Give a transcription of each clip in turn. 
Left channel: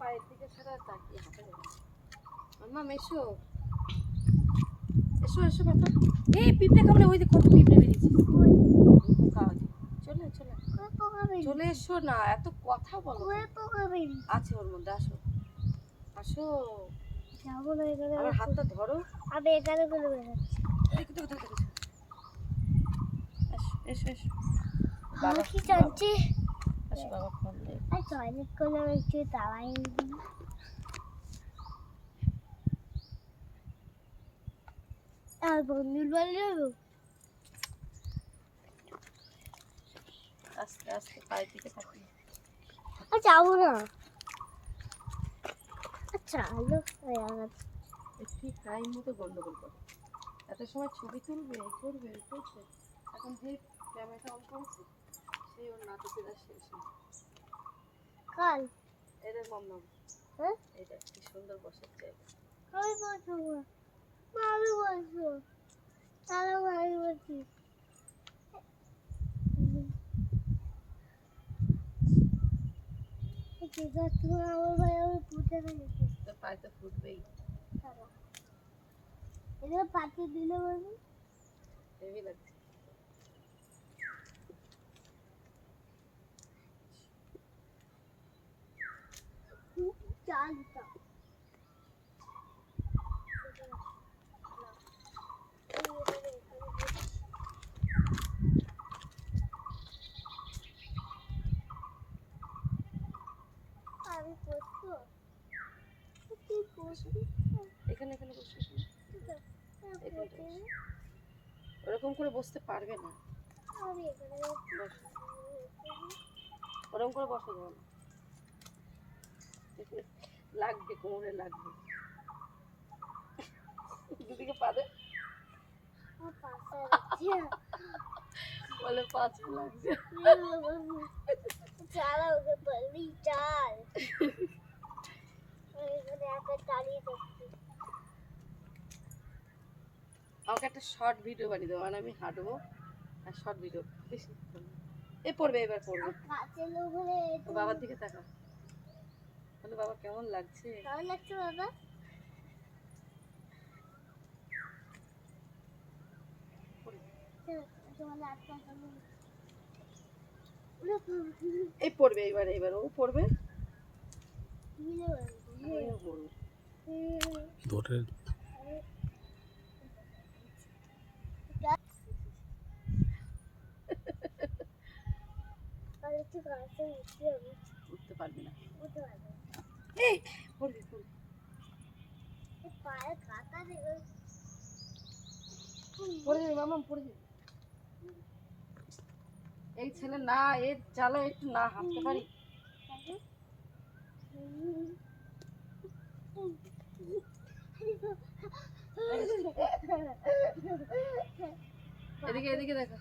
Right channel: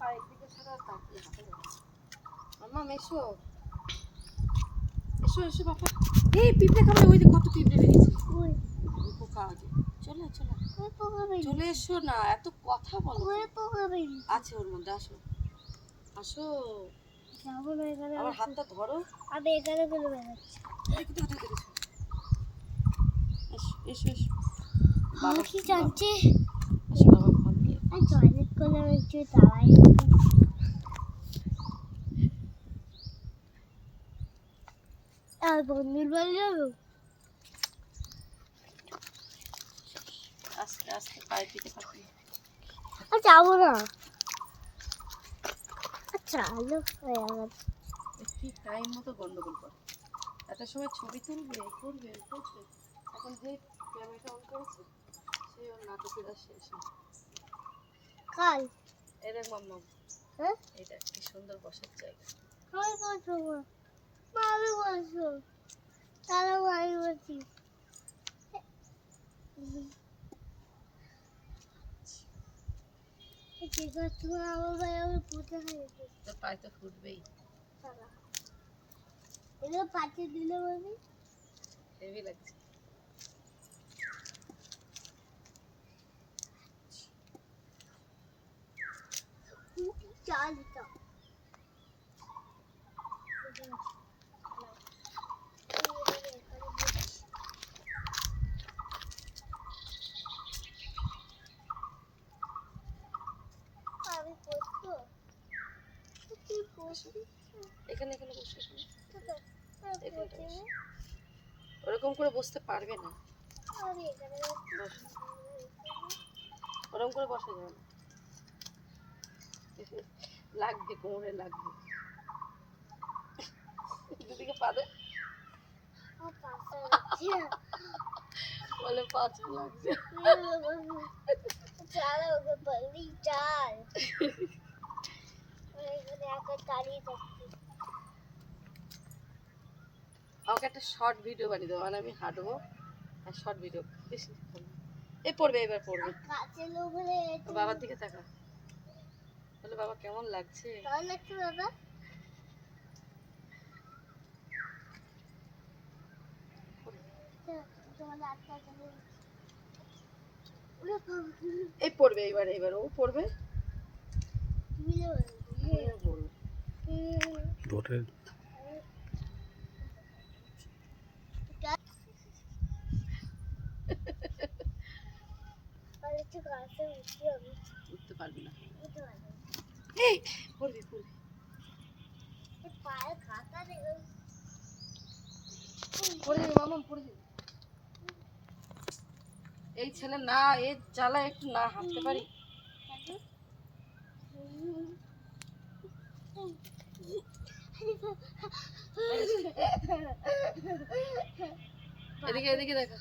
পায়ের দিকে ছাড়া তাকিয়ে হাঁটা যাবে না। মাম্মা এসো এসো এসো বাবা। এই পিঁপড়ে কামড়ে, ওই যে কত পিঁপড়ে বেরিয়েছে। পোকা আছে, চলে চলে চলে এসো না, এত কথা বলো। আছে ওর মধ্যে, আসো আসো। আমার হাতটা ধরো। আমি এখানে করে বেরোচ্ছি। দেখো দেখো দেখো, এসো এসো এসো। বাবা কি জানছে? আসো বাবা, ফোন দিয়ে আর টয়লেট করে একটু দাঁড়াই। আর বন্ধুর বাড়ি যাবো। আস্তে আস্তে পায়ের দিকে তাকিয়ে। আর যাবো না। আচ্ছা আলো হয়ে গেছে। ঠিক টাইম মতো গন্ডগোল করে। এত সময় ছবি তুলবে, করবে করবে, এখন যে ক্যামেরাটা অন করেছে সেই ওর নাটকের আর শেষ নেই। কাল এই দেখ মাম্মা, হ্যাঁ এইটা কি সুন্দর বসার জায়গা। আমি বসবো মা, আমি বসবো। তাহলে আমি বসি। ঠিক আছে, আমার ভাই আমি পুঁতে গেছি। তোর পায়ে তো ফুটবেই। এটা পাঠিয়ে দিলে আমি হেভি লাগছে। চাল দিতাম। আমি করতো কি করছি এখানে এখানে বসে, এখানটা বসে। আমি ওরকম করে বসতে পারবে না, এখানে বসো। ওরকম করে বসা যাবে না, লাগবে কোমরে লাগবে। দুদিকে পা দে, বলে পাঁচা লাগছে। চাল ওকে বললি চাল এখানে একা দাঁড়িয়ে থাকছি। আমাকে একটা শর্ট ভিডিও বানিয়ে দেবো, মানে আমি হাঁটবো আর শর্ট ভিডিও। বেশি এ পড়বে, এবার পড়বে। কাছে লোক হলে বাবার দিকে তাকা, বলে বাবা কেমন লাগছে। ভালো লাগছে বাবা। এই পড়বে, এবার এবার ও পড়বে। ভোটের উঠতে পারবি না। উঠতে পারবে না। এই পড়বে পড়বে। পায়ে খাতা দেখো পড়ে যাবে মামা, পড়ে যাবে। এই ছেলে না, এর জ্বালা একটু না হাঁটতে পারি। এদিকে এদিকে দেখা,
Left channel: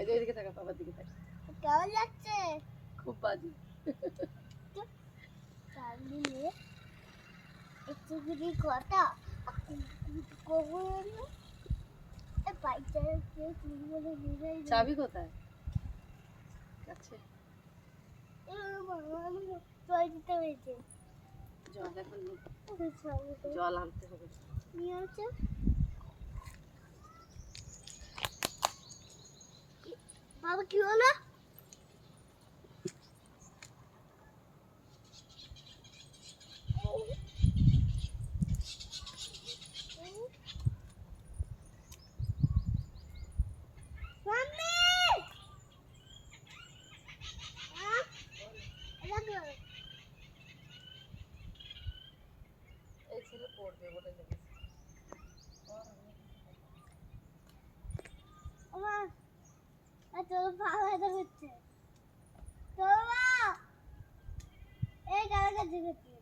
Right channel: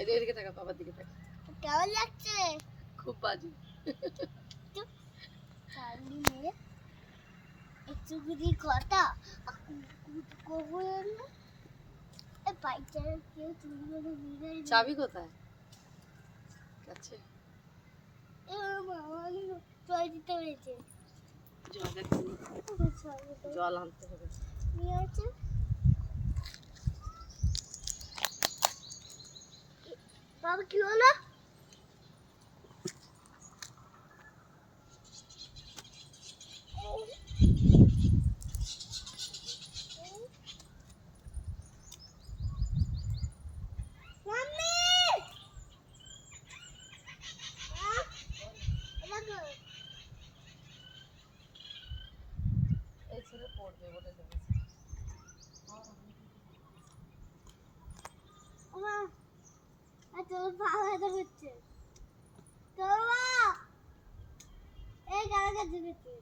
এদিকে দেখা, বাবার দিকে দেখা। কেমন লাগছে? খুব বাজে। একটু যদি কথা চাবি কোথায়? আচ্ছা দিতে হয়েছে। জল আনতে হবে। নিয়ে আছে বাবা, কি হলো? এই ছেলে পড়বে বলে লেগেছে। তোর পা ব্যথা করছে, তোর মা এই গাড়ি কাছে গেছে।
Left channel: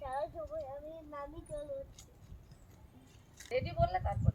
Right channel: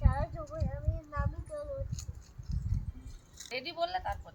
চলো আমি নামি চলে রেডি বললে তারপর